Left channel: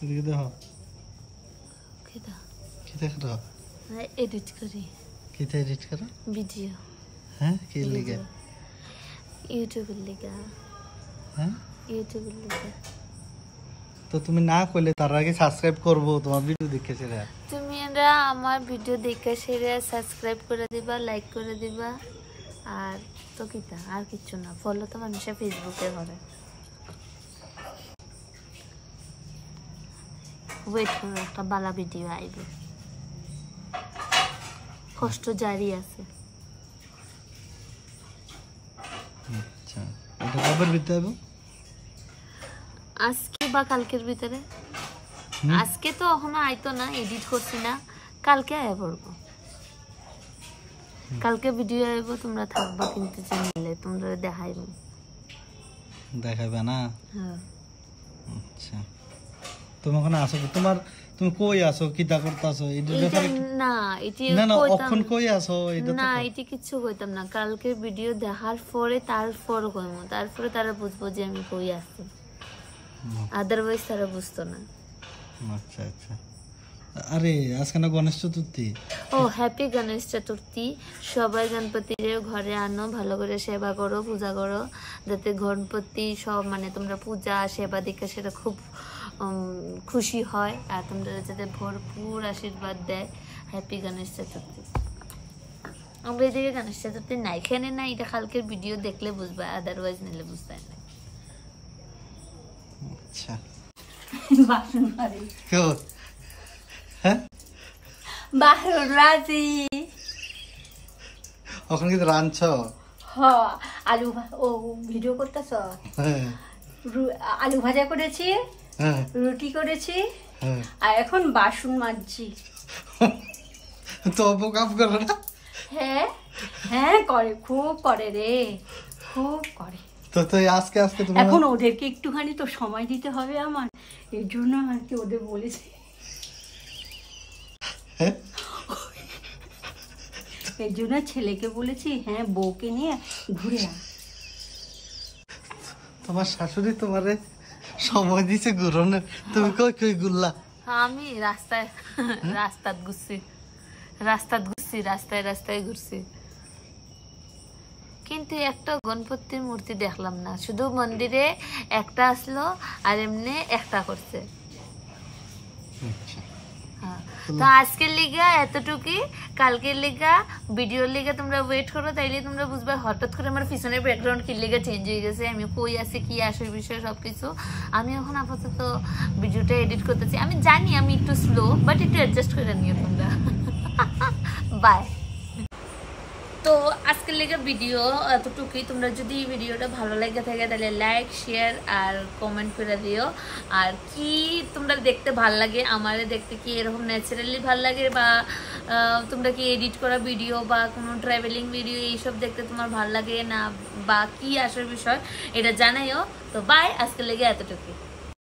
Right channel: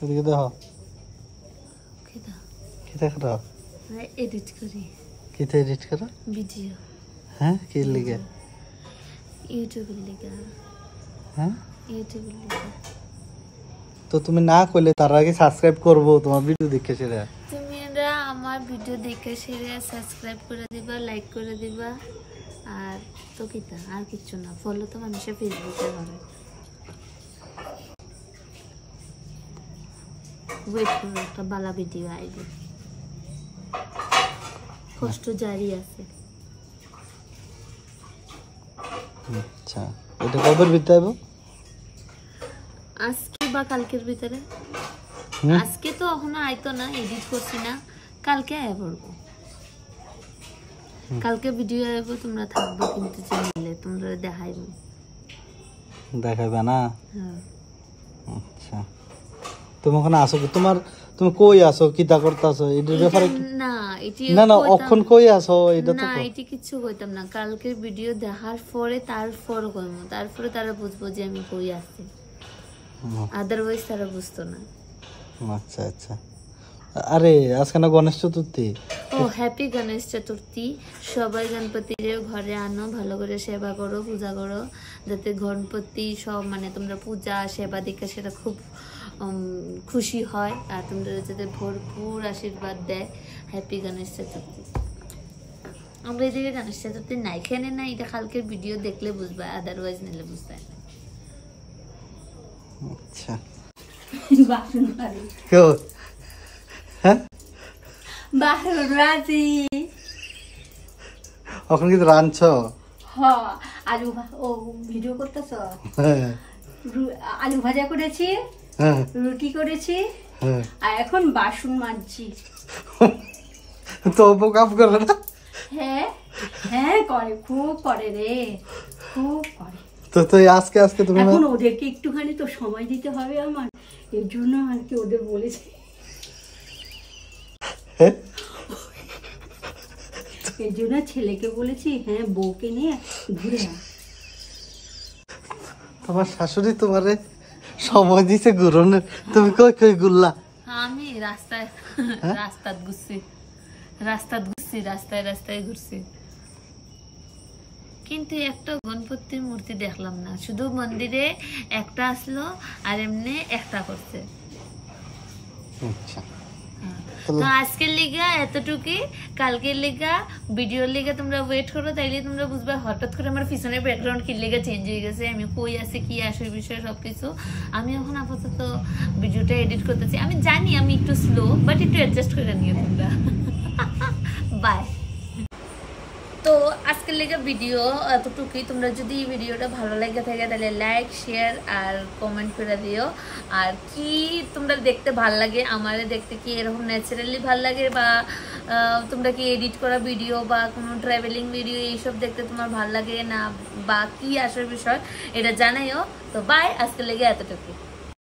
এদিকে দেখো কিটা কি দেখো এডিট করি কিতে এডিট করো ভিডিও হ্যাঁ কি লিখে ইউটিউবের লিগা হ্যাঁ ইউটিউবের লিগা তো তুমি না করলে তার আগে সাবস্ক্রাইব করব তোমার ভিডিও দেখে সেরা তুমি এরা আমার ভিডিও দেখে সেরা সাবস্ক্রাইব করে দিবা লাইক করে দিবা আর তো কিটা আর কিছু না ফলো তো মানুষে ফেসবুকে করে ওয়েট করো একটা বালা ভিডিও আইবে কষ্ট জারি আছে আচ্ছা এটা কবের ভিতরে হবে আজকে বা কালকের ভিতরে আজকে তো এখনো আইতো না এডিট করছি না কালকে আয় পড়বো কালকে ভিডিও আইবো তোমরা থাকবা কিন্তু চ্যানেলে তোমরা দেখাইবো দেখাবে না হ্যাঁ আচ্ছা তুমি ওখানে আসো কি তুমি কই আসো কিটা করতেছো এটা ব্যাপারে না এটি না না এখন কই আসো এটা তো না এটি কিছু কইতাম না কালকের ভিডিও দেখার পরে তারপর কইমু তারপরে তারা বুঝবো যে আমি কই আছি আদারওয়াইজ তারা বুঝতো না আচ্ছা আচ্ছা আরে আজকে না গণেশ চতুর্থী ও হ্যাপি গণেশ চতুর্থী সবাই গণপতির ঘরে আনো ভালো করে সেবা করো পূজা করো যাতে গণপতি সব মানে তোমরা পূজা সেবা দিকে সেটা খুব খুশি হয় আর তোমরা যাতে ভরপুর আশীর্বাদ দেয় হ্যাপি গণেশ চতুর্থী আমরা এদিকে গণেশ চতুর্থী নাই এখানে না এটা কালকের ভিডিও দেখলে বুঝবা আদারওয়াইজ নিলে বুঝতে না আচ্ছা বাসন মারি কেউ হ্যাঁ বাসন রাজি এখন কি রাঁধছ আলু ও ভিডিও করতেছ হ্যাঁ আলু ভাজা করেছি হ্যাঁ রুটি করেছি হ্যাঁ আর এখন বাসন মাজছি তো কাপ করে না হ্যাঁ হ্যাঁ করে খুব করে রে খুব করে তো তো আজকে আজকে তুমি এখন ওদেরকে একটুখানি তো সময় দিতে হবে আমার এর জন্য আর কি ওদের বলেছি এর জন্য ছেলেকে বলেছি হ্যাঁ বউকে নিয়ে ঘুরে আস তোমার শাশুড়ি তোমারে সময় দিছে ঘুরনের তুমি কই কই ঘুরলা আমি রাস্তায় রাস্তায় রাস্তায় ঘুরছি কিন্তু একটা গণপতির মূর্তি দেখলাম না শুধু মন্দিরে একটা আসলো আর এমনি একটা করছে আচ্ছা তো আজকের লিগা এতটুকুই কালকের লিগা ভিডিওর লিগা তোমরা ওয়েট করো তাইলে তোমরা বুঝবে হঠাৎ করে আমার পিছনের ব্যাকগ্রাউন্ড কি লিগা চেঞ্জ হয়ে গেছে আমি কই আছি কি আসল বিষয় সবকিছু আমি এখন আপাতত ভিডিওটা এডিট করতেছি আমি জানি আমি একটু স্লো বাট একটু অ্যাডজাস্ট করে নিও তোমরা বাই তো আজকের লেগে ভিডিও এতটুকুই তোমরা যদি ভিডিওটা ভালো লাগে থাকে তাহলে লাইক শেয়ার আর কমেন্ট করে দিও আর কি তোমরা দেখতে ভাল লাগে আমারে দেখতে কি এরকম ন্যাচারালি ভাল লাগে বা তোমরা কি এডিট করা ভিডিও বা কোনো ট্রাভেলিং ভিডিও এইসব দেখতে তোমার ভাল লাগে না বা কি আসার বিষয় এটা জানাইও তো বাই আজকের লেগে এতটুকুই